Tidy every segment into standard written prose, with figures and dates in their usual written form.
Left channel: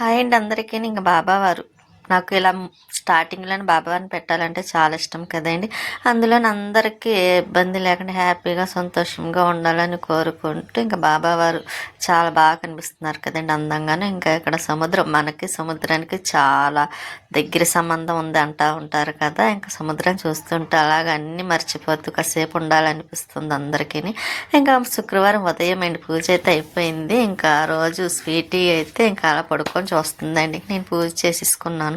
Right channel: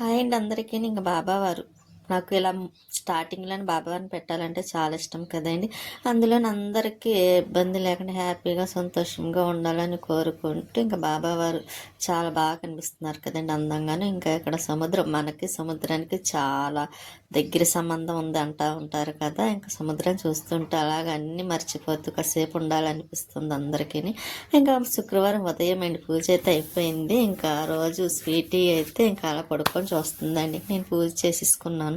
Hi అండి అందరికీ. ఇంక బాబావారు నాకు ఇలా స్టార్టింగ్‌లోనే బాబావారిని పెట్టాలంటే చాలా ఇష్టం కదండీ. అందులోని అందరికీ ఏ ఇబ్బంది లేకుండా హ్యాపీగా, సంతోషంగా ఉండాలని కోరుకుంటూ ఇంక బాబావారు చాలా బాగా కనిపిస్తున్నారు కదండీ అందంగాను. ఇంకా ఇక్కడ సముద్రం మనకి సముద్రానికి చాలా దగ్గర సంబంధం ఉంది అంటా ఉంటారు కదా. ఇంకా సముద్రం చూస్తుంటే అలాగ అన్నీ మర్చిపోతూ కాసేపు ఉండాలనిపిస్తుంది అందరికీని. ఇంకా శుక్రవారం ఉదయం అండి పూజ అయితే అయిపోయింది. ఇంకా ఆ రోజు స్వీటీ అయితే ఇంకా అలా పడుకొని చూస్తుందండి. నేను పూజ చేసేసుకున్నాను.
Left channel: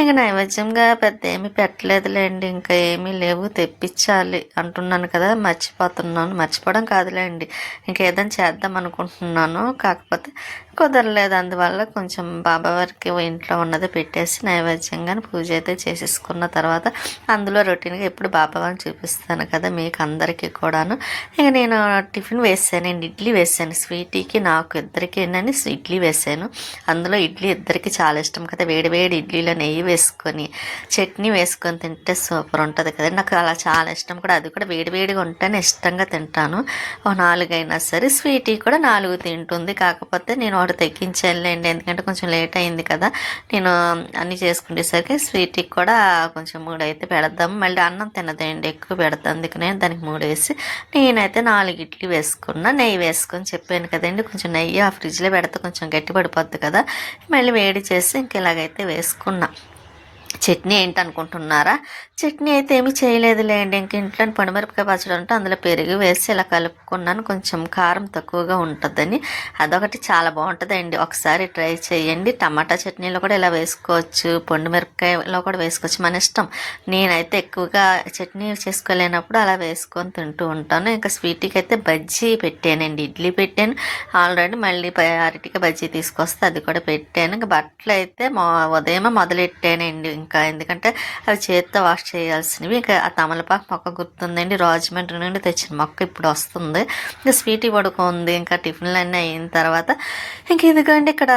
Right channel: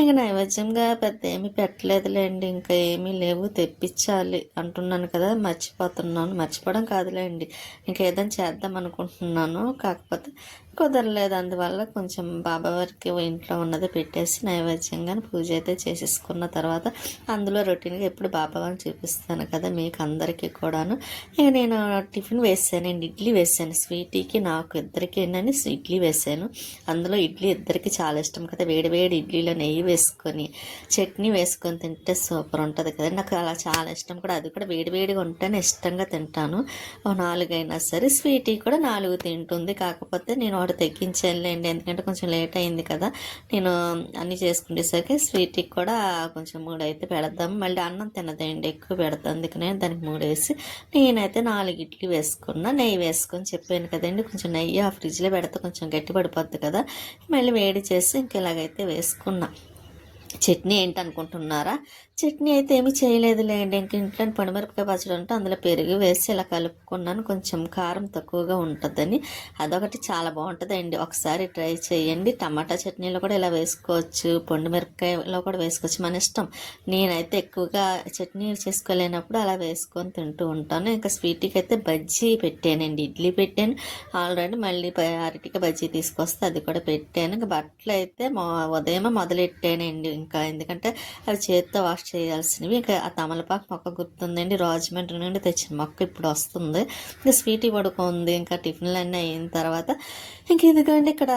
ఇంకా నైవేద్యంగా పెద్ద ఏమీ పెట్టలేదులేండి. ఇంకా ఏమీ లేవు, తెప్పించాలి అంటున్నాను కదా, మర్చిపోతున్నాను. మర్చిపోవడం కాదులేండి, ఇంకా ఏదైనా చేద్దాం అనుకుంటున్నాను, కాకపోతే కుదరలేదు. అందువల్ల కొంచెం బాబావారికి ఇంట్లో ఉన్నది పెట్టేసి నైవేద్యంగా పూజ అయితే చేసేసుకున్న తర్వాత అందులో రొటీన్గా ఎప్పుడు బాబావారిని చూపిస్తాను కదా మీకు అందరికీ కూడాను. ఇక నేను టిఫిన్ వేసానండి, ఇడ్లీ వేసాను. స్వీటీకి నాకు ఇద్దరికి ఏంటని ఇడ్లీ వేసాను. అందులో ఇడ్లీ ఇద్దరికి చాలా ఇష్టం కదా. వేడి వేడి ఇడ్లీలో నెయ్యి వేసుకొని చట్నీ వేసుకొని తింటే సూపర్ ఉంటుంది కదా. నాకు అలా చాలా ఇష్టం కూడా. అది కూడా వేడి వేడిగా ఉంటేనే ఇష్టంగా తింటాను. ఒక 4 అయినా సరే. స్వీటీ కూడా 4 తింటుంది. కాకపోతే నేను ఒకటి తగ్గించానులేండి, ఎందుకంటే కొంచెం లేట్ అయింది కదా. నేను అన్నీ చేసుకునేసరికి స్వీటీకి కూడా కొంచెం 3 అయితే పెడదాము. మళ్ళీ అన్నం తినదండి, ఎక్కువ పెడతాను. అందుకనే దానికి 3 వేసి నేనైతే 4 ఇడ్లీ వేసుకున్నా. నెయ్యి వేసుకొని చెప్పాను కదండి, కొంచెం నెయ్యి ఆ ఫ్రిడ్జ్లో పెడితే కొంచెం గట్టి పడిపోద్ది కదా. మళ్ళీ వేడి చేసి ఇంక ఇలాగైతే వేసుకున్నా. చట్నీ ఏంటనుకుంటున్నారా? చట్నీ అయితే ఏమీ చేయలేదులేండి. ఇంక ఇంట్లో పొడిమిరపకాయ పచ్చడి ఉంటే అందులో పెరుగు వేసి ఇలా కలుపుకున్నాను. కొంచెం కారం తక్కువగా ఉంటుందని. అదొకటి చాలా బాగుంటుందండి, ఒకసారి ట్రై చేయండి. టమాటా చట్నీలో కూడా ఇలా వేసుకోవచ్చు, పొడిమిరపకాయలో కూడా వేసుకోవచ్చు, మన ఇష్టం. నేనైతే ఎక్కువగా చట్నీ చేసుకోలేనప్పుడు అలా వేసుకొని తింటూ ఉంటాను. ఇంకా స్వీట్కి అయితే బజ్జీ పెట్టానండి, ఇడ్లీ పెట్టాను ఆల్రెడీ. మళ్ళీ అరటికి బజ్జీ తీసుకొస్తే అది కూడా పెట్టాను. ఇంకా బట్టలు అయితే ఉదయమే మొదలెట్టానండి. ఇంకా ఎందుకంటే అవి చేత్తో వాష్ చేయాల్సినవి. ఇంకా ఆ తమలపాకు మొక్క గుర్తుందండి, రాజమండ్రి నుండి తెచ్చిన మొక్క ఇప్పుడు వస్తుంది. ఇంకా స్వీటీ పడుకుంది. ఇంకా టిఫిన్లు అన్నీ అయిన తర్వాత ఇంక ఇదిగోండి ఇక్కడ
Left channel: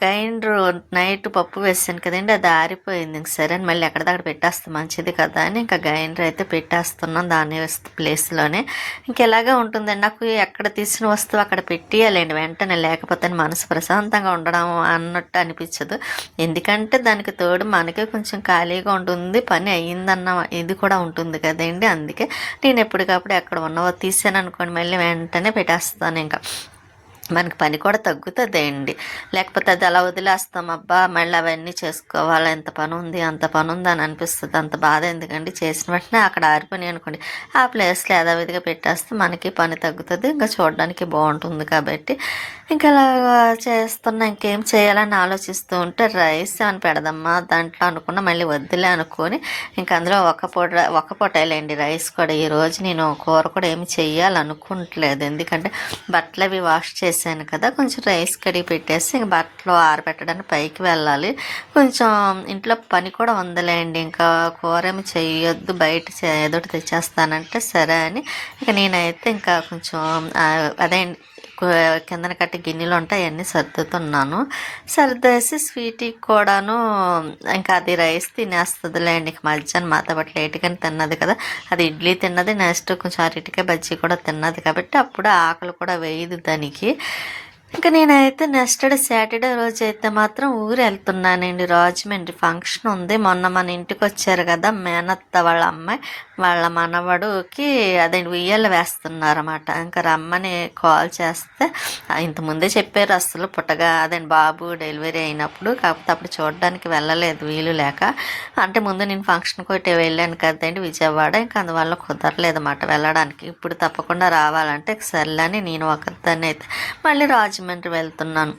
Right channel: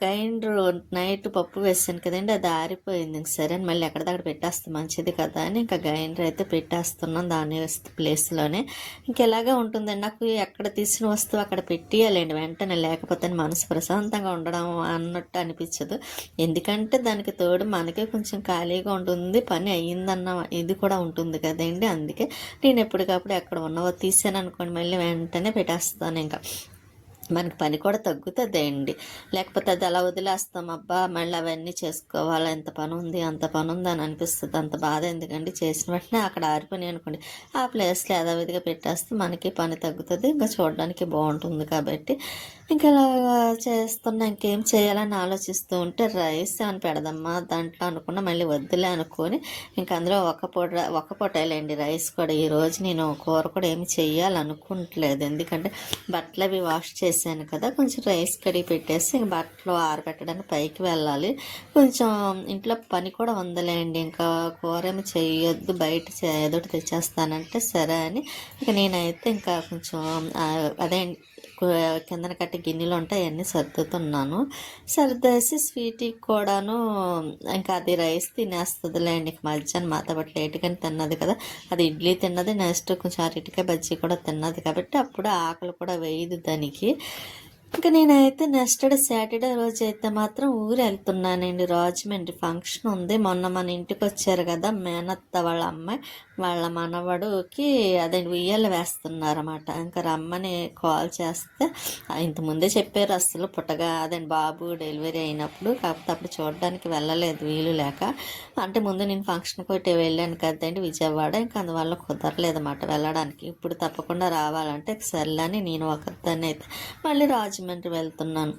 గ్రైండర్ నైట్ పప్పు వేసాను కదండి, అది ఆరిపోయింది. ఇంక సరే అని మళ్ళీ ఎక్కడిదక్కడ పెట్టేస్తే మంచిది కదా అని ఇంకా గ్రైండర్ అయితే పెట్టేస్తున్నాను దాని ప్లేస్లోనే. ఇంకెలాగా ఉంటుందండి, నాకు ఎక్కడ తీసిన వస్తువు అక్కడ పెట్టేయాలండి వెంటనే, లేకపోతే మనసు ప్రశాంతంగా ఉండడం అన్నట్టు అనిపించదు. ఎందుకంటే దానికి తోడు మనకి కొంచెం ఖాళీగా ఉంటుంది, పని అయ్యిందన్న ఇది కూడా ఉంటుంది కదండి. అందుకే నేను ఎప్పటికప్పుడు ఎక్కడ ఉన్నవో తీసాను అనుకోండి మళ్ళీ వెంటనే పెట్టేస్తాను. ఇంకా మనకి పని కూడా తగ్గుతుంది అండి. లేకపోతే అది అలా వదిలేస్తాం, అబ్బా మళ్ళీ అవన్నీ చేసుకోవాలి, ఎంత పని ఉంది అంత పని ఉంది అని అనిపిస్తుంది. అంత బాధ ఎందుకండి, చేసిన వెంటనే అక్కడ ఆరిపోయి అనుకోండి ఆ ప్లేస్లో యథావిధిగా పెట్టేస్తే మనకి పని తగ్గుతుంది, ఇంకా చూడడానికి బాగుంటుంది. కాబట్టి ఇంకా అలా చేస్తున్నా. ఇంకేం చేయాలని ఆలోచిస్తూ ఉంటే రైస్ అని పెడదమ్మా దాంట్లో అనుకున్నా, మళ్ళీ వద్దులే అనుకొని ఇంకా అందులో ఒక పొటేలేండి రైస్ కూడా. ఈరోజు నేను కూర కూడా ఏమి చెయ్యాలనుకుంటలేదు, ఎందుకంటే బట్టలు అవి వాష్ చేశాను కదా, కొంచెం రైస్ కడిగి పెట్టేసి ఇంక బట్టలు ఆరబెట్టడానికి పైకి వెళ్ళాలి. కొంచెం ఇంట్లో పని కూడా ఉందిలేండి, ఇంకా కూర ఏమి చెయ్యొద్దు, బయట ఏదోటి తెచ్చేస్తానంటే సరే అని ఇక నేనైతే ఇంకా కొంచెం అదే కిందన కట్టి గిన్నెలు ఉంటాయి అవన్నీ సర్దుతున్నాను. సర్దేసి స్వీట్కి కూడాను ఇంకా అది రైస్ తినేస్తుందిలేండి. ఇంక మధ్యాహ్నం మాతో పాటు లేట్గానే తిన్నది కదా, అది ఇడ్లీ తిన్నది, నెక్స్ట్ కొంచెం అరటికాయ బజ్జీ కూడా తిన్నది కాబట్టి అప్పుడు ఆకలి కూడా వేయదు దానికి. ఇంకా నేనైతే నెక్స్ట్ డే సాటర్డే రోజు అయితే మాత్రం ఊరు వెళ్తున్నానండి, రాజమండ్రి ఫంక్షన్ ఉంది. మొన్న మన ఇంటికి వచ్చారు కదా మేనత్త వాళ్ళ అమ్మాయి, వాళ్ళ మనవడుకి అదే ఉయ్యాల వేస్తున్నారన్నమాట. ఇంకా రమ్మని కాల్ చేస్తే ఇంతకుముందే చెప్పారు, అసలు పుట్టగా అదే బాబు డెలివరీ అయినప్పుడు, కాకపోతే అప్పుడు చూడడానికి వెళ్ళలేదు వీలు లేక. అంటే ముందు నేను ఫంక్షన్కి ఒకటి వెళ్ళాను కదండి విజయవాడ, ఇంకా అందువల్ల కుదరలేదు అన్నమాట వెళ్ళడానికి. ఇప్పుడు తప్పకుండా రావాలంటే సర్లేని నేను ఒకదాన్ని అయితే మళ్ళీ రాజమండ్రి వెళ్తున్నాను.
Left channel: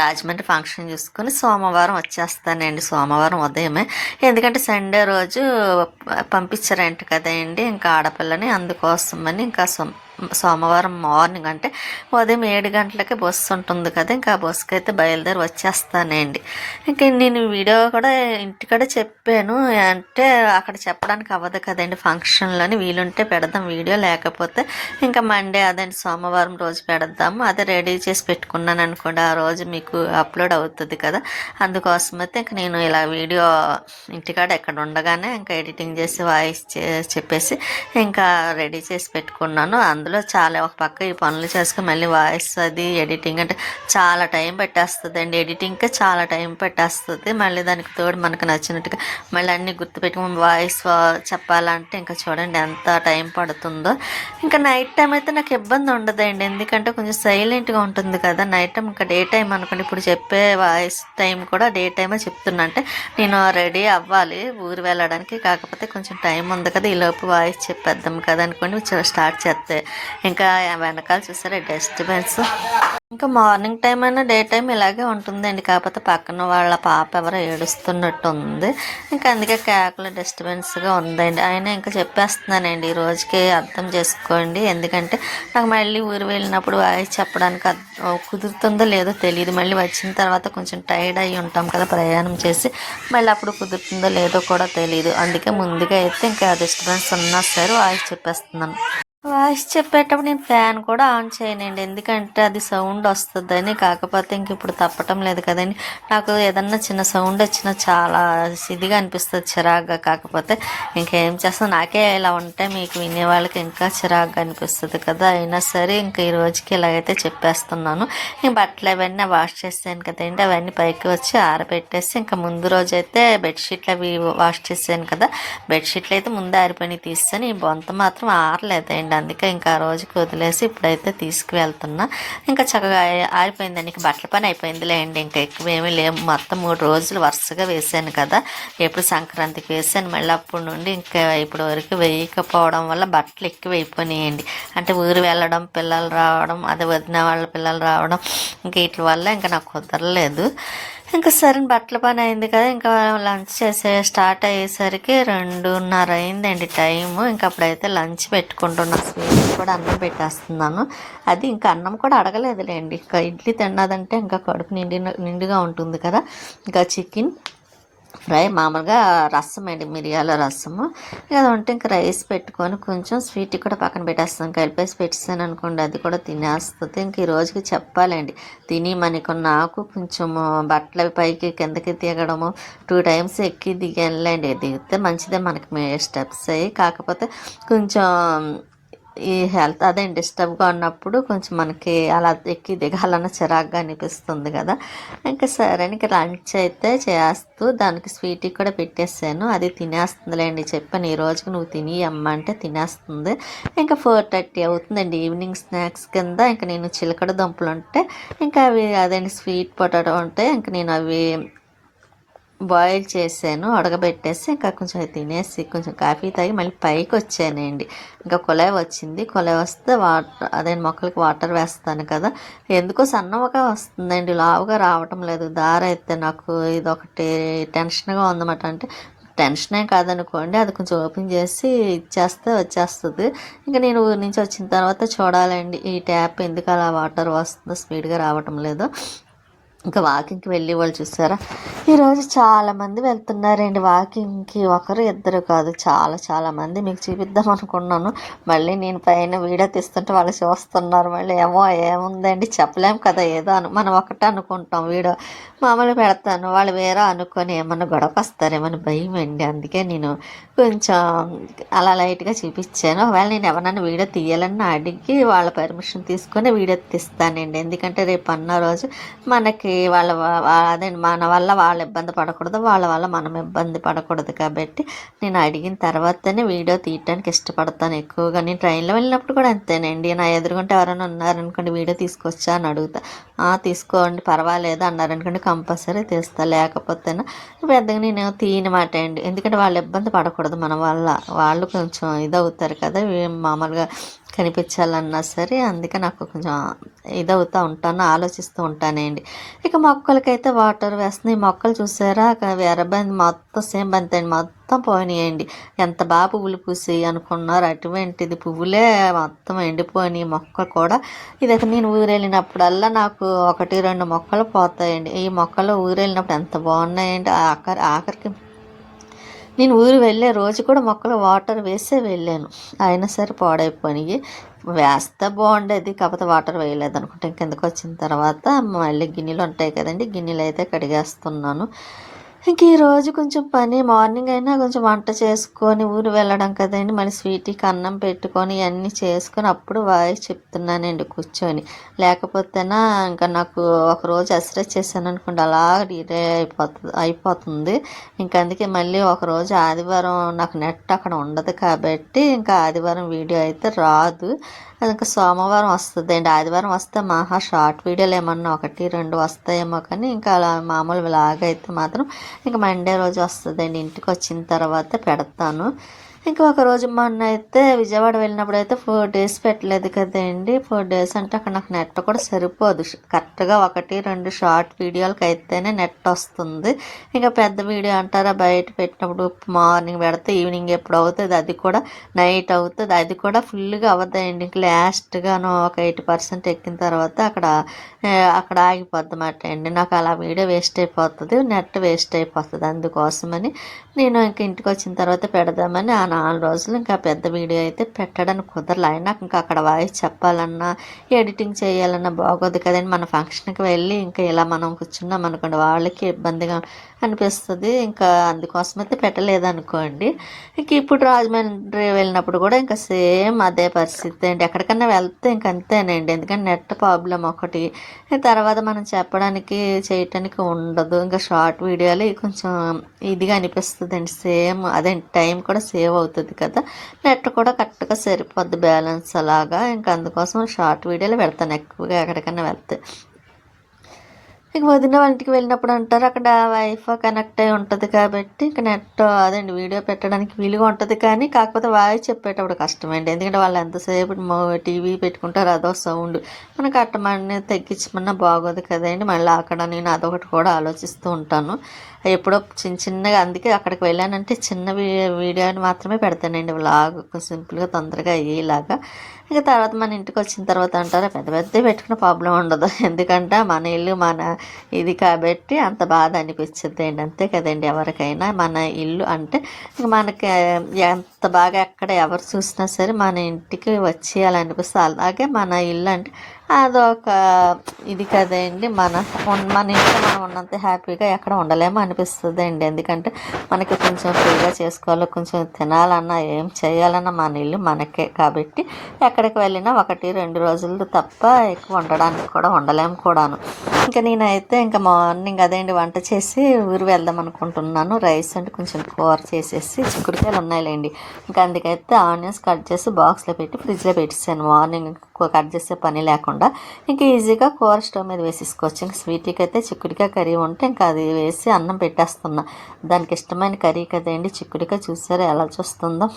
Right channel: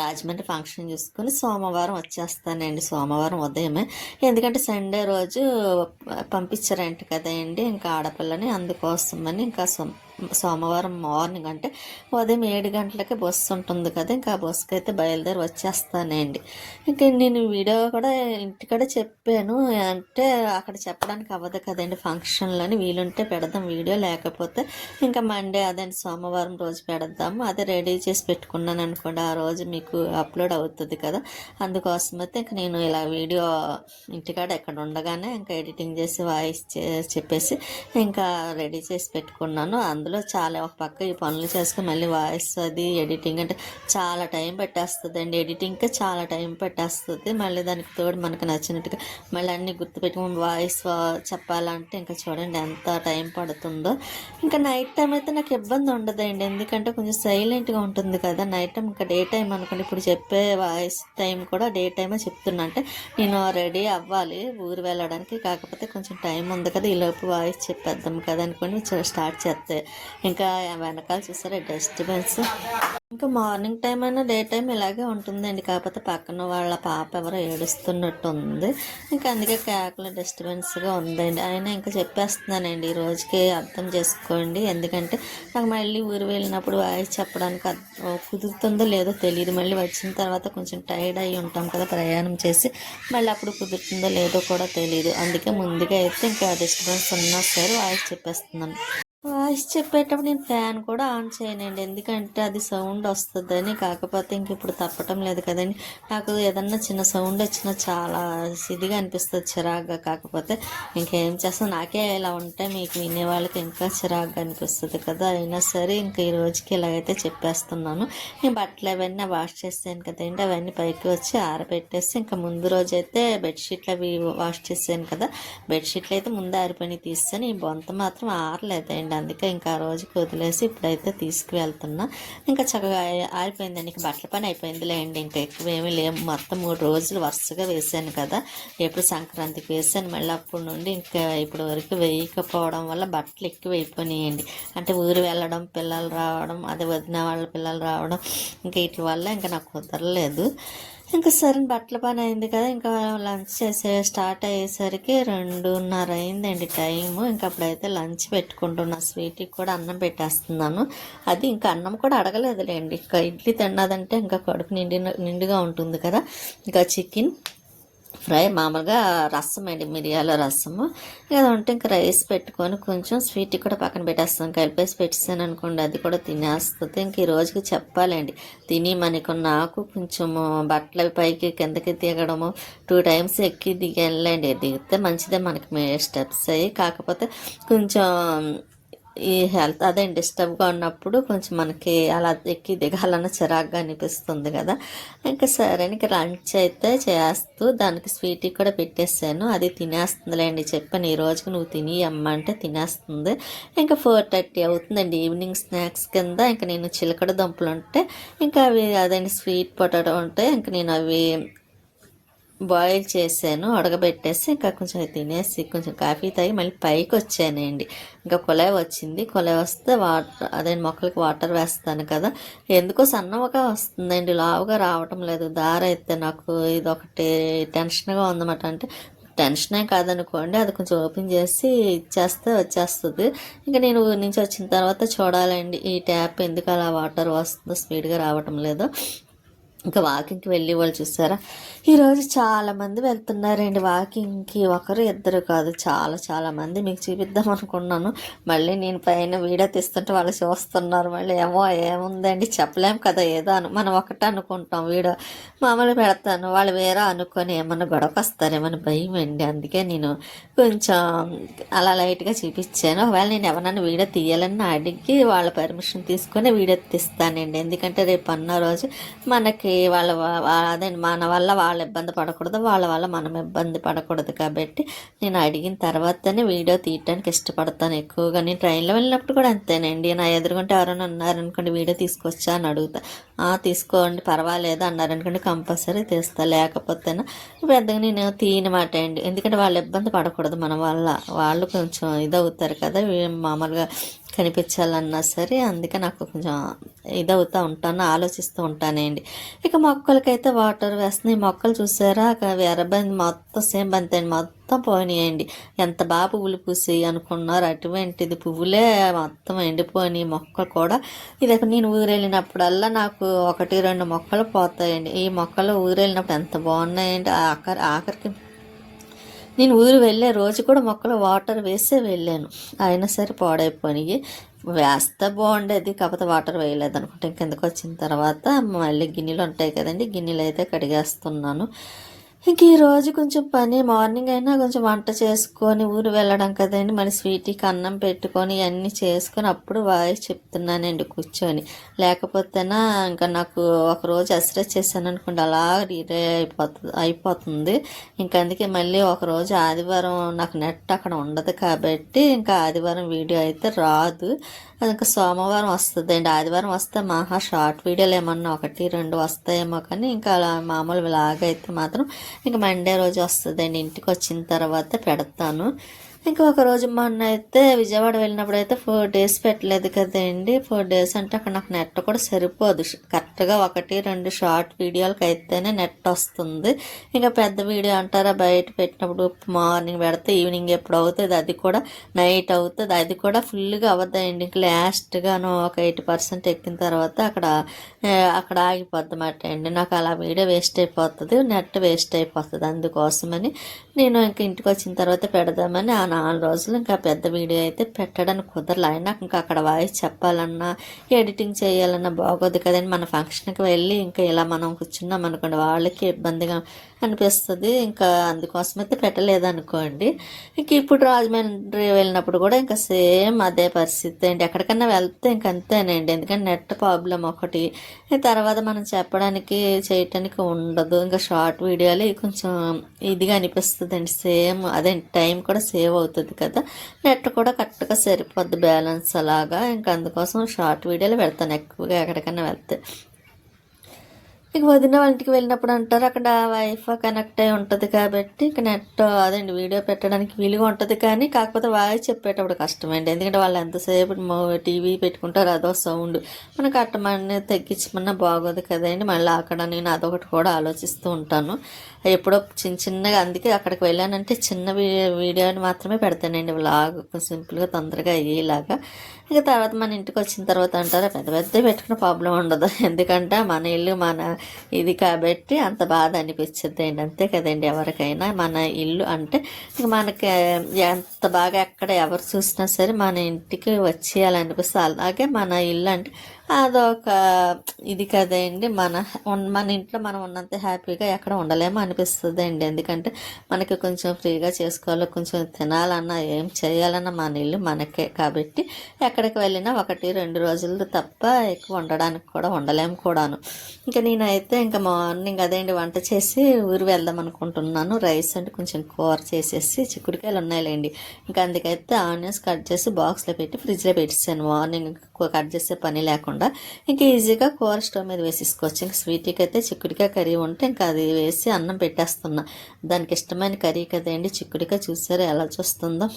రాజమండ్రి ఫంక్షన్ చూసుకొని సోమవారం వచ్చేస్తానండి, సోమవారం ఉదయమే. ఎందుకంటే సండే రోజు పంపించారంట కదండి ఇంకా ఆడపిల్లని, అందుకోసమని ఇంకా సోమవారం మార్నింగ్ అంటే ఉదయం 7 గంటలకి బస్సు ఉంటుంది కదా, ఇంకా ఆ బస్సుకి అయితే బయలుదేరి వచ్చేస్తానండి. ఇంకా నేను వీడియో కూడా ఇంటికాడ చెప్పాను, అంటే అక్కడ చెప్పడానికి అవ్వదు కదండి ఫంక్షన్లోని, వీలుంటే పెడదాం వీడియో, లేకపోతే ఇంకా మండే అదే సోమవారం రోజు పెడదాము. అదే రెడీ చేసి పెట్టుకున్నాను అనుకోండి, ఆ రోజు మీకు అప్లోడ్ అవుతుంది కదా. అందుకోసమైతే ఇంక నేను ఇలా వీడియో ఇంటికాడ ఎక్కడ ఉండగానే ఇంకా ఎడిటింగ్ చేసి వాయిస్ చెప్పేసి ఇంకా రెడీ చేసి పెట్టుకున్నాను. అందులో చాలా ఒక పక్క ఈ పనులు చేసుకుని మళ్ళీ వాయిస్ అది ఎడిటింగ్ అంటే చాలా టైం పెట్టేస్తుంది అండి. ఎడిటింగ్కే చాలా టైం పెట్టేస్తుంది. మళ్ళీ దానికి తోడు మనకు నచ్చినట్టుగా మళ్ళీ అన్నీ గుర్తుపెట్టుకుని వాయిస్ చెప్పాలంటే ఇంకా చూడండి ఎంత టైం పడుతుందో. ఇంకా నైట్ టైం అయితే నాకు ఇబ్బంది ఉండదండి, ఎందుకంటే కొంచెం సైలెంట్గా ఉంటుంది కదా నైట్ టైం. ఇంకా డే టైం అనుకోండి, ఇప్పుడు చెప్పే వాయిస్ టైం కూడా డే టైమే చెప్తున్నా. అంటే నేను రెడీ అవ్వాలి ఊరు వెళ్ళడానికి, కాకపోతే కొంచెం టైం ఉంది కదా ఈలోపు వాయిస్ చెప్పేద్దాం కదా అనుకోండి స్టార్ట్ చేస్తే. ఇంకా వెనకాల చూసారా డిస్టర్బెన్స్. ఇంకా మార్నింగ్ టైం అయినా డే టైం ఇలాగే ఉంటుందండి, కాకపోతే పక్కన వాళ్ళ పాప ఎవరో ఏడుస్తున్నట్టు ఉంది. ఇంకా అందుకే కేకలు డిస్టర్బెన్స్గా ఉందండి. అయినా ఇంకా చెప్పేస్తున్నానండి ఈ రోజుకి అర్థం చేసుకోండి, ఎందుకంటే నాకు మళ్ళీ ఊరు వెళ్ళినప్పుడు వాయిస్ చెప్పడానికి కుదురుతుందో లేదో తెలియదు. మళ్ళీ వచ్చిన తర్వాత కొంచెం టైర్డ్ అయ్యి ఉంటాం కదా ప్రయాణం చేసి, మళ్ళీ అప్పుడు కుదురుతుందో లేదో కూడా తెలియదు. అందుకే ముందుగా అయితే ఇంకా డిస్టర్బెన్స్ ఉన్నా సరే వాయిస్ చెప్పేస్తున్నాను. వాయిస్ చెప్పేటప్పుడు నేను ఫ్యాన్ కూడా ఆన్ చేయనండి, ఎందుకంటే అది సౌండ్ వస్తుందని. కాకపోతే ఇంక ఇప్పుడు తప్పటం లేదు కదండి. నాకు ఏదన్నా చిన్న సౌండ్ వచ్చినా చాలా ఇదిగా అనిపిస్తుంది, చిరాగ్గా. కాకపోతే ఇంకేం చేస్తాను, నాకే ఇలా ఉంటే మీకు వినే వాళ్ళకి ఇంకా చిరాగ్గా అనిపిస్తుంది కదా. అయినా సరే ఇంక ఈ రోజుకి ఇలాగైతే చెప్పేస్తున్నాను. ఇంక బట్టలు అవన్నీ వాష్ చేసాను కదండి, అవన్నీ పైకి వచ్చి ఆరబెట్టేసి ఇంకా ముందు రోజు అయితే బెడ్షీట్లు అవి వాష్ చేసాను కదా, బెడ్షీట్లు అయితే ముందు ఆరిపోయి తీస్తాను. ఈ బొంత మాత్రం ఆరలేదండి, అందుకే ఇంకా ఆ రోజుకి వదిలేసి ఇప్పుడైతే తీసుకువెళ్తున్నా. ఇంకా చక్కగా ఆరిపోయిందండి, ఇంకా బట్టల పని అయిపోయిందిలే అండి. ఇంకా ఎక్కువ ఏమీ లేవు, మొత్తం 3 రోజులు వరుసగా వేసాను కదా. ఎప్పుడు సంక్రాంతికి వేసాను, మళ్ళీ అప్పటి నుండి ఇంకా ఇప్పుడు వరకు వేయకపోవడం వల్ల బట్టలు ఎక్కువ అయిపోయినాయండి. అంటే ఊరు వెళ్ళడం, పిల్లలు రావడం, అదే వదిన వాళ్ళ పిల్లలు రావడం, ఇంకా వీటి వల్ల ఇంకా నాకు కుదరలేదు. ఇంకా సరే బట్టల పని అయింది కదా, ఇంకా లంచ్ స్టార్ట్ అయ్యేసరికి 2:30 అయిందండి టైము. ఇంకా అప్పుడైతే లంచ్ పెట్టుకుంటున్నా, స్వీట్ కూడా అన్నం పెట్టేస్తున్నాను. అది ఇంకా అన్నం కూడా అడగలేదులేండి, ఇంకా ఇడ్లీ తిన్నదంటే ఇంకా కడుపు నిండుగా ఉంటుంది కదా. ఇంకా చికెన్ ఫ్రై, మామూలుగా రసం అండి, మిరియాల రసము. ఇలా ఉంటే ఇంకా రైస్ పెట్టుకొని కొంచెం స్వీట్ కూడా పక్కన పెట్టేస్తాను, కలిపేసి పెట్టేసాను అనుకోండి అది కూడా తినేస్తుంది. ఇంక ఈ రోజుకి చెప్పాలండి తిని మనకు. నాకు కొంచెం బట్టలు పైకి కిందకి దిగడము 2 టైమ్స్ ఎక్కి దిగానులేండి. దిగితే మంచిదే మనకి స్టెప్స్ అయ్యి, కాకపోతే కొంచెం ఈ హెల్త్ అదే డిస్టర్బ్గా ఉన్నప్పుడు కొంచెం మనకి అలా ఎక్కి దిగాలన్న చిరాగ్గా అనిపిస్తుంది కదా. ఇంకా సరే ఇంకా లంచ్ అయితే చేస్తూ దానికి స్వీట్ కూడా పెట్టేసాను, అది తినేస్తుందిలేండి. చెప్పాను ఈ రోజుకి నువ్వు తిని అమ్మ అంటే తినేస్తుంది. ఇంకా 4:30 అవుతుందండి. ఈవినింగ్ స్నాక్స్ కింద ఇంకా నేను చిలకడ దుంపలు ఉంటే ఇంకా అవి అదండి స్వీట్ పొటాటో ఉంటే ఇంకా నేను అవి బాయిల్ చేసాను, ఉడకబెట్టేసి ఇంకా కొంచెం తినేసి కొంచెం కాఫీ తాగి మళ్ళీ పైకి వచ్చానండి. ఇంకా కుళాయి వచ్చింది, కుళాయి వస్తే అదే మొక్కలకి వాటర్ వేస్తాను కదా. ఎందుకో సన్నగా వస్తుందండి, లావుగా రావటం లేదు. దారి అయితే నాకు ఇదొకటి టెన్షన్గా ఉందన్నమాట. అంటే టెన్షనే కాదనుకోండి, అది కొంచెం ఓపెన్ చేసి ఇచ్చేస్తే వచ్చేస్తుంది. ఇంకా నేను ఊరి నుంచి వచ్చిన తర్వాత చూడాలండి ఈ ట్యాప్ ఎందుకు అలా వాటర్ వస్తుందో, స్పీడ్గా రావటం లేదు. ఇంకా వాకింగ్కి వెళ్ళి వాళ్ళు చూసారా, ఈరోజు చాలామంది వెళ్తున్నారండి వాకింగ్కి. ఒకరు ఇద్దరు కాదు, చాలా మంది. మీకు చూపిద్దాం అనుకున్నాను, మళ్ళీ నేను పైన వీడియో తీస్తుంటే వాళ్ళు చూస్తున్నారు. మళ్ళీ ఏముందండి చెప్పలేము కదా, ఏదో మనం ఒకటే అనుకుంటాం. వీడియో మామూలుగా పెడతాను, వాళ్ళు వేరే అనుకొని ఏమన్నా గొడవకు వస్తారేమని భయం అండి. అందుకే నేను కొంచెం అలా లైట్గా చూపించాను. ఒకవేళ నేను ఎవరన్నా వీడియో తీయాలని అడిగి వాళ్ళ పర్మిషన్ తీసుకొని వీడియో తీస్తానండి, ఎందుకంటే రేపు అన్న రోజు మనకి అదే మన వల్ల వాళ్ళు ఇబ్బంది పడకూడదు, వాళ్ళ వల్ల మనం ఇబ్బంది పడకూడదు. కాబట్టి నేను అడిగిన తర్వాతనే వీడియో తీయడానికి ఇష్టపడతాను ఎక్కువగా. నేను ట్రైన్లో వెళ్ళినప్పుడు కూడా అంతేనండి, నా ఎదురుగుంటే ఎవరైనా ఉన్నారనుకోండి వీడియో తీసుకొచ్చా అని అడుగుతా. తీసుకోండి పర్వాలేదు అన్నారనుకోండి కంపల్సరీ తీస్తా, లేకపోతేనా పెద్దగా నేను తీయనమాట అండి. ఎందుకంటే వాళ్ళు ఇబ్బంది పడకూడదు మన వల్ల, వాళ్ళు కొంచెం ఇదవుతారు కదా మామూలుగా కనిపించాలన్నా సరే. అందుకే నాకు కొంచెం ఇదవుతూ ఉంటాను, ఆలోచిస్తూ ఉంటానండి. ఇక మొక్కలకైతే వాటర్ వేస్తున్నాయి. మొక్కలు చూసారా ఎర్రబంది మొత్తం సేమ్ బంతి అండి, మొత్తం పోయినాయండి. ఎంత బాగా పువ్వులు పూసాయి అనుకున్నారు, అటువంటిది పువ్వులే మొత్తం ఎండిపోయినాయి. మొక్కలు కూడా ఇదైతే నేను ఊరెళ్ళినప్పుడల్లా నాకు 1-2 మొక్కలు పోతాయండి. ఈ మొక్కలు ఊరెళ్ళినప్పుడు ఎంత బాగున్నాయండి. ఆఖరికి నేను ఊరు వెళ్ళే రోజు కూడా మొక్కలు వాటర్ వేసే వెళ్ళాను, అయినా సరే పాడైపోయినాయి. వేస్తే బాగుండేది, కాకపోతే వాటర్ వేయలేదు అనుకుంటా. కిందకు వచ్చిన తర్వాత మళ్ళీ గిన్నెలు ఉంటాయి కదండి, గిన్నెలు అయితే కడిగేస్తున్నాను. ఇంక ఈరోజు కొంచెం పని మార్నింగ్ అయినా కొంచెం వంట చేసుకొని ఊరు వెళ్ళడం కదండి, మళ్ళీ స్వీట్కి అన్నం పెట్టుకొని ఇవన్నీ చేసుకొని అప్పుడు వాయిస్ చెప్తున్నానండి కూర్చొని. లేకపోతేనా ఇంకా నాకు ఒకరోజు ఎక్సర్సైజ్ చేశాను అనుకోండి, అలా డిలే అయిపోతుంది. ఇంకా అందుకే మళ్ళీ ఒకరోజు ఆదివారం నాకు నెట్ అక్కడ ఉండదు కాబట్టి ఇంకా ఆదివారం వీడియో అయితే రాదు. అది ఇంకా సోమవారం వస్తుందండి. ఆదివారం వస్తే మహా షార్ట్ వీడియోలు ఏమన్నా 1-2 వస్తాయేమో, కానీ ఇంకా అలా మామూలు లాగైతే మాత్రం ఇంకా మండే రోజు వస్తుందండి. ఇంటికి వచ్చిన తర్వాత పెడతాను. ఇంకా ఒకరోజు మొన్న అయితే విజయవాడ వెళ్ళినప్పుడు అయితే 4 days పెట్టలేదు కదండి. 4 days అంటే అక్కడ నాకు నెట్ కూడా సరిపోదు. కరెక్ట్గా 1-2 షార్ట్ వీడియోలకి అయితేనే నెట్ వస్తుంది. ఇంకా పెద్ద వీడియో అంటారా, బయట పెట్టినప్పుడు మార్నింగ్ పెడితే ఈవినింగ్ ఎప్పుడు అవుతుంది, అది కూడా నైట్ అవుతుంది, అది కూడా ఫుల్గా అవ్వదండి. ఇంక లాస్ట్గాను ఒక 80% ఎక్కిన తర్వాత అక్కడ ఆగిపోద్ది మాట అండి. నాకు అలా వీడియో వేస్ట్ అయిపోతుంది, నెట్ వేస్ట్ అయిపోతుంది. అందుకోసమని నేను ఇంక ఇంటికి వచ్చిన తర్వాత పెడదామని ఆ 4 రోజులు ఇంకా పెద్ద వీడియో అయితే పెట్టడానికి కుదరలే. అయినా ఇంకా అక్కడ వాయిస్ చెప్పాలన్నా ఎడిటింగ్ చేయాలన్నా బాగోదు కదండి. మన ఫంక్షన్కి వెళ్ళి ఇంకా ఇలా మనం కూర్చున్నాం అనుకోండి, వాళ్ళకి ఇబ్బందిగా అనిపిస్తుంది. ఇంకా అందుకోసమైతే పెట్టలేదనుకోండి. ఇంక ఇప్పుడు రాజమండ్రి వెళ్ళినప్పుడు కూడా ఇంకా సేమ్ అదే పరిస్థితి అండి. ఎక్కడికన్నా వెళ్తే ఇంక అంతేనండి, ఎందుకంటే నెట్ ప్రాబ్లం ఒకటి, తర్వాత మనం చెప్పడానికి చేయటానికి ఉండదు. ఇంకా షార్ట్ వీడియోలు కొంచెం ఇదిగా అనిపిస్తుంది అండి. సేమ్ అదే టైం కూడా సేవ్ అవుతుంది కదా, నెట్ కూడా కరెక్ట్గా సరిపోద్ది బ్యాలెన్స్ అలాగా. ఇంకా అందుకోసం షార్ట్ వీడియోలు పెడతాను ఎక్కువగా ఎక్కడికన్నా వెళ్తే. ఇక వదిన వాళ్ళకి వెళ్ళినప్పుడు అంటారు, అక్కడ వైఫై కనెక్ట్ అయి ఉంటుంది కాబట్టి ఇక నెట్ అదండి వీడియో పెట్టడానికి వీలుగా ఉంటుంది. కానీ కాకపోతే వాయిస్ చెప్పేటప్పుడు కష్టమండి, ఎందుకంటే వాళ్ళు ఎంతసేపు టీవీ పెట్టుకుంటారు, అదో సౌండ్ మనకు అట్టమని తగ్గించమన్నా బాగోదు కదండి. మళ్ళీ అక్కడ నేను అదొకటి కూడా ఆలోచిస్తూ ఉంటాను ఎప్పుడో చిన్నగా. అందుకే అక్కడికి వెళ్ళానంటే చిన్న వీడియోని మాత్రమే పెడతానండి, వ్లాగ్ సింపుల్గా తొందరగా అయ్యేలాగా. ఇక తర్వాత మన ఇంటికి వచ్చిన తర్వాత అంటారా, పెద్ద పెద్ద పెట్టుకున్న ప్రాబ్లం ఉండదు, ఎందుకంటే మన ఇల్లు మన ఇది కాబట్టి అంత బాధ అనిపించద్దు అండి. అంతే కదండి, ఎవరికైనా మన ఇల్లు అంటే మనకి ఎంత బాగా ఎక్కడ ఎవరు చూసినా సరే మన ఇంటికి వచ్చేయాలనిపిస్తుంది. అలాగే మన ఇల్లు అంటే అదొక ఇది కదండి, మన ఇంట్లో మనం ఉన్నంత హ్యాపీగా ఎక్కడ ఉండలేమో అనిపిస్తుంది అండి. ఎందుకంటే మనకి కొంచెం ఫ్రీగా చేసుకోవాలి, కొంచెం తినాలన్నా ఏం చేయాలన్నా మన ఇల్లు మనకే కాబట్టి ఎక్కడికి వెళ్ళినా 1-2 రోజులు తప్ప ఎక్కువ ఉండడానికి కూడా ఉండలేము కూడాను. ఇంకా నేనైతే ఇంకా మార్నింగ్ అదేంటి వంట చేసి ఊరు వెళ్దాం అనుకుంటున్నాను. రైస్ అంటే కొంచెం కూర చేసేసి చిక్కుడుకాయలు ఉన్నాయిలేండి, ఇంకా అందుకైతే ఆనియన్స్ కట్ చేసి బాక్స్లో పెట్టి ఫ్రిడ్జ్లో పెట్టేసాను. మార్నింగ్ కట్ చేసే పని లేకుండా ఇంకా ఈజీగా కూర స్టవ్ మీద వేసేసుకోవచ్చు. ఇంకా స్వీట్కి అయితే చిక్కుడుకాయ కర్రీ ఉంటే ఇంకా అది వేసి అన్నం పెట్టేస్తున్నా. దానికి ఇష్టమైన కర్రీ కదండి చిక్కుడుకాయ. చూసారా ఎలా చూస్తుందో.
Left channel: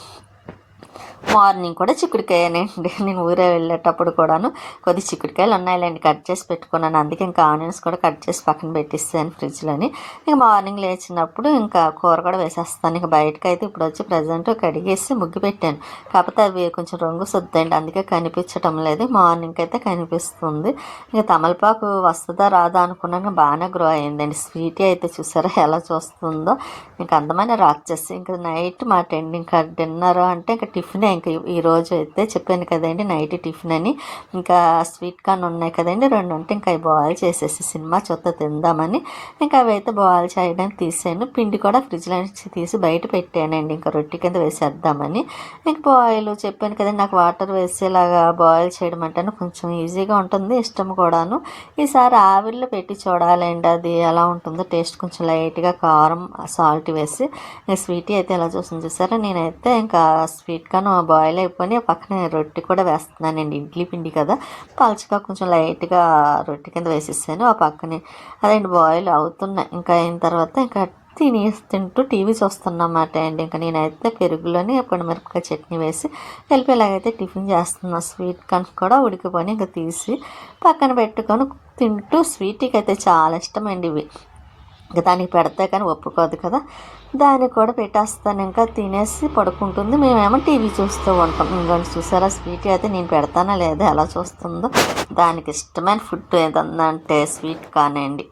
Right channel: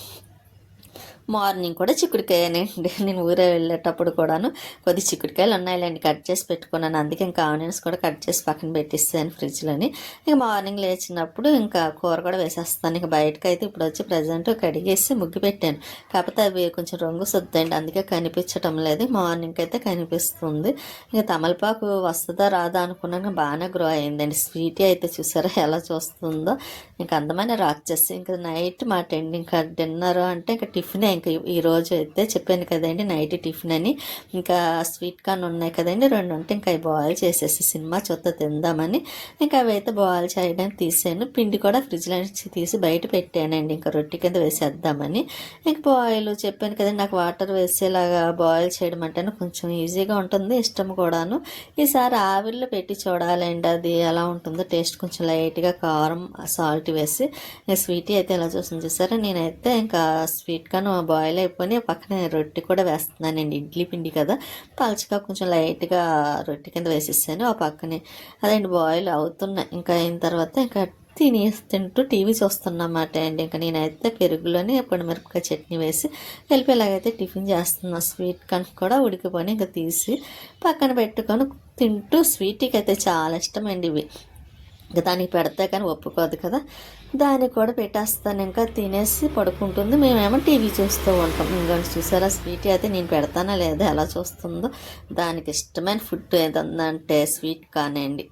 మార్నింగ్ కూడా చిక్కుడుకాయనండి, నేను ఊరే వెళ్ళేటప్పుడు కూడాను కొద్ది చిక్కుడుకాయలు ఉన్నాయిలేండి కట్ చేసి పెట్టుకున్నాను. అందుకే ఇంకా ఆనియన్స్ కూడా కట్ చేసి పక్కన పెట్టిస్తాను ఫ్రిడ్జ్లోని. ఇంకా మార్నింగ్ లేచినప్పుడు ఇంకా కూర కూడా వేసేస్తాను. ఇంకా బయటకు అయితే ఇప్పుడు వచ్చి ప్రజెంట్ కడిగేసి ముగ్గు పెట్టాను, కాకపోతే అవి కొంచెం రంగు సొద్దండి, అందుకే కనిపించటం లేదు. మార్నింగ్ అయితే కనిపిస్తుంది. ఇంకా తమలపాకు వస్తుందా రాదా అనుకున్నాక బాగానే గ్రో అయిందండి. స్వీటీ అయితే చూసారా ఎలా చూస్తుందో, ఇంకా అందమైన రాక్షసి. ఇంకా నైట్ మా ఇంకా డిన్నర్ అంటే ఇంకా టిఫిన్. ఇంకా ఈరోజు అయితే చెప్పాను కదండి నైట్ టిఫిన్ అని. ఇంకా స్వీట్ కార్న్ ఉన్నాయి కదండి 2 ఉంటే ఇంకా అవి బాయిల్ చేసేసి సినిమా చూస్తా తిందామని ఇంకా అవి అయితే బాయిల్ చేయడానికి తీసాను. పిండి కూడా ఫ్రిడ్జ్లో నుంచి తీసి బయట పెట్టానండి, ఇంకా రొట్టె కింద వేసేద్దామని. ఇంకా బాయిల్ చెప్పాను కదండి నాకు వాటర్ వేసేలాగా బాయిల్ చేయడం అంటే కొంచెం ఈజీగా ఉంటుంది, ఇష్టం కూడాను. ఈసారి ఆవిరిలో పెట్టి చూడాలండి అది ఎలా ఉంటుందో టేస్ట్. కొంచెం లైట్గా కారం సాల్ట్ వేసి స్వీటీ అయితే ఎలా చూస్తుంది చూసారా. నేనైతే ఇంకా స్వీట్ కార్న్ బాయిల్ అయిపోయి పక్కనే రొట్టె కూడా వేస్తున్నానండి, ఇడ్లీ పిండి కదా పలుచగా కొంచెం లైట్గా రొట్టె కింద వేసేసాను. ఆ పక్కనే అదేంటి బాయిల్ అవుతున్నాయి. ఇంకా అయిన తర్వాత ఇంకా తింటూ టీవీ చూస్తున్నమాట అండి. ఇంకా నేనైతే పెరుగులోని మిరపకాయ చట్నీ వేసి కలిపేలాగైతే టిఫిన్ చేస్తున్నా. స్వీట్ కార్న్ కూడా ఉడికిపోయి ఇంకా తీసి పక్కన పెట్టుకొని తింటూ. స్వీట్కి అయితే చాలా ఇష్టం అండి ఇవి, ఇంకా దానికి పెడితే కానీ ఒప్పుకోదు కదా, దానికి కూడా పెట్టేస్తాను. ఇంకా తినేసి పడుకుంటుంది, మేమేమో టీవీ చూస్తూ ఉంటాం. ఇంకొంచెం చూసారా స్వీట్ అయితే నేను పెడతానా లేదా ఎలా చూస్తుందో. దానికి ఇష్టమైన ఫుడ్ ఏదంటే స్వీట్ కానండి.